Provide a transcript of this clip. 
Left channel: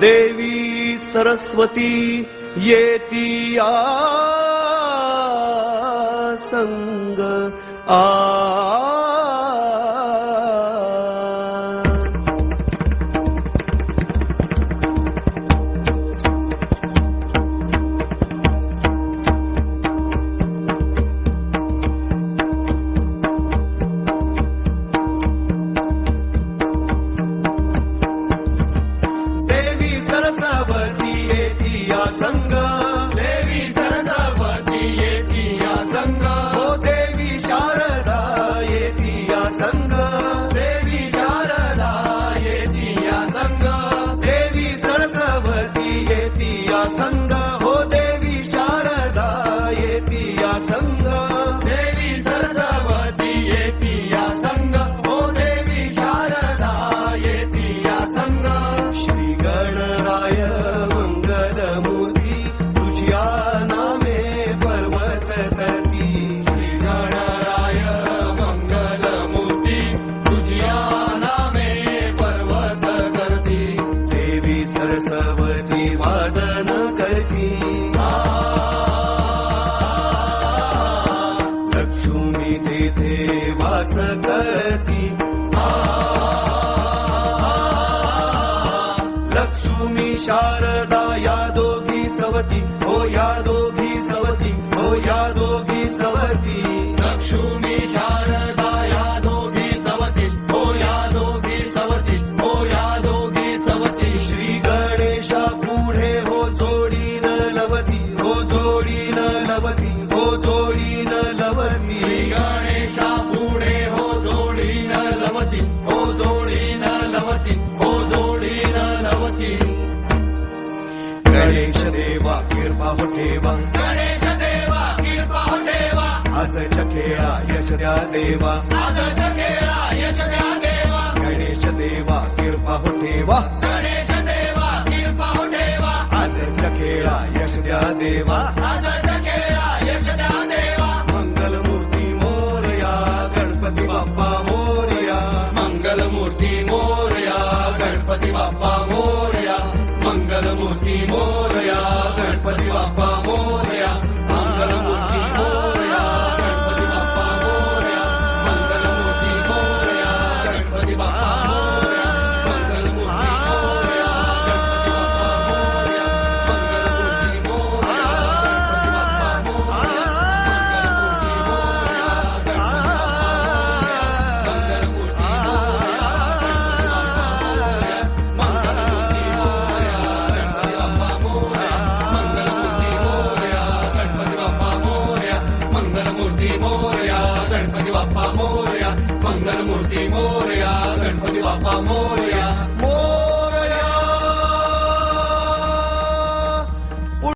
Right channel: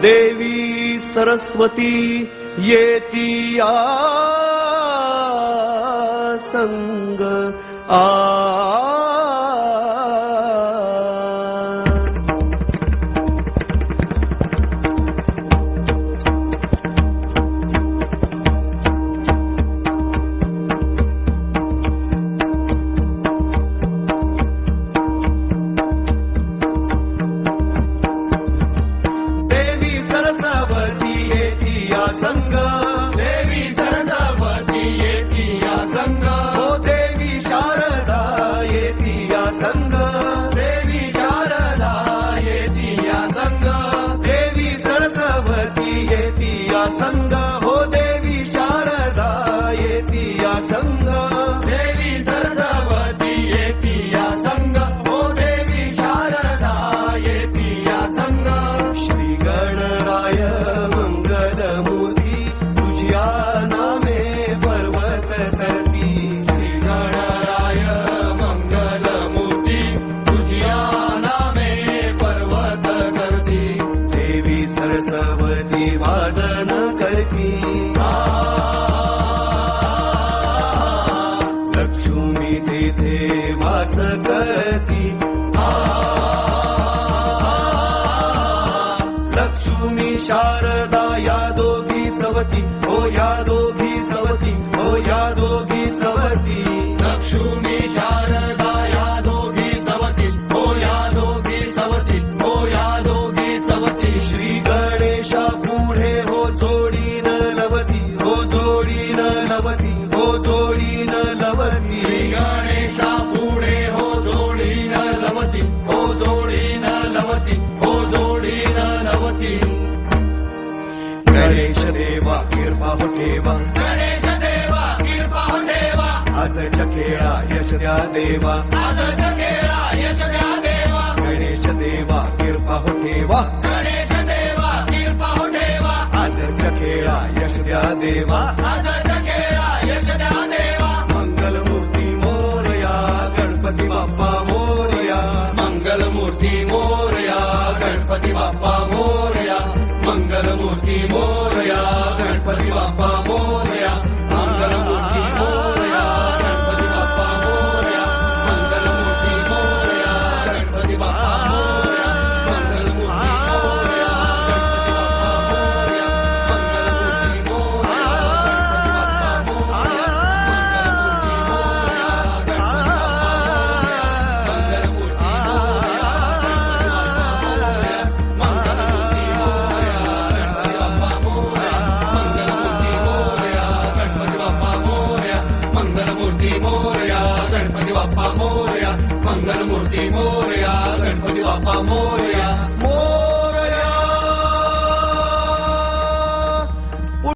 देवी सरस्वती येती संग संग हो देवी शारदा येती या संग देवी सरस्वती येती या संग हो देवी शारदा येती या संग श्री गणराय मंगल मूर्ती तुझ्या नामे पर्वत करती श्री गणराय मंगल मूर्ती तुझ्या नामे पर्वत करती देवी सरस्वती वादन करती लक्ष्मी तेथे वास करती लक्ष्मी शारदा या दोघी सवती हो या दोघी सवती हो या दोघी सवती लक्ष्मी शारदा या दोघी सवती हो या दोघी सवती हो या दोघी सवती श्री गणेशा पुढे हो जोडीन लवती हो जोडीन लवती हो जोडीन लवती श्री गणेशा पुढे हो जोडीन लवती हो जोडीन लवती हो जोडीन लवती गणेश देवा कृपा हो ठेवा गणेश देवा कृपा हो ठेवा आजच्या खेळा यश द्या देवा आजच्या खेळा यश द्या देवा गणेश देवा कृपा हो ठेवा गणेश देवा कृपा हो ठेवा आजच्या खेळा यश द्या देवा आजच्या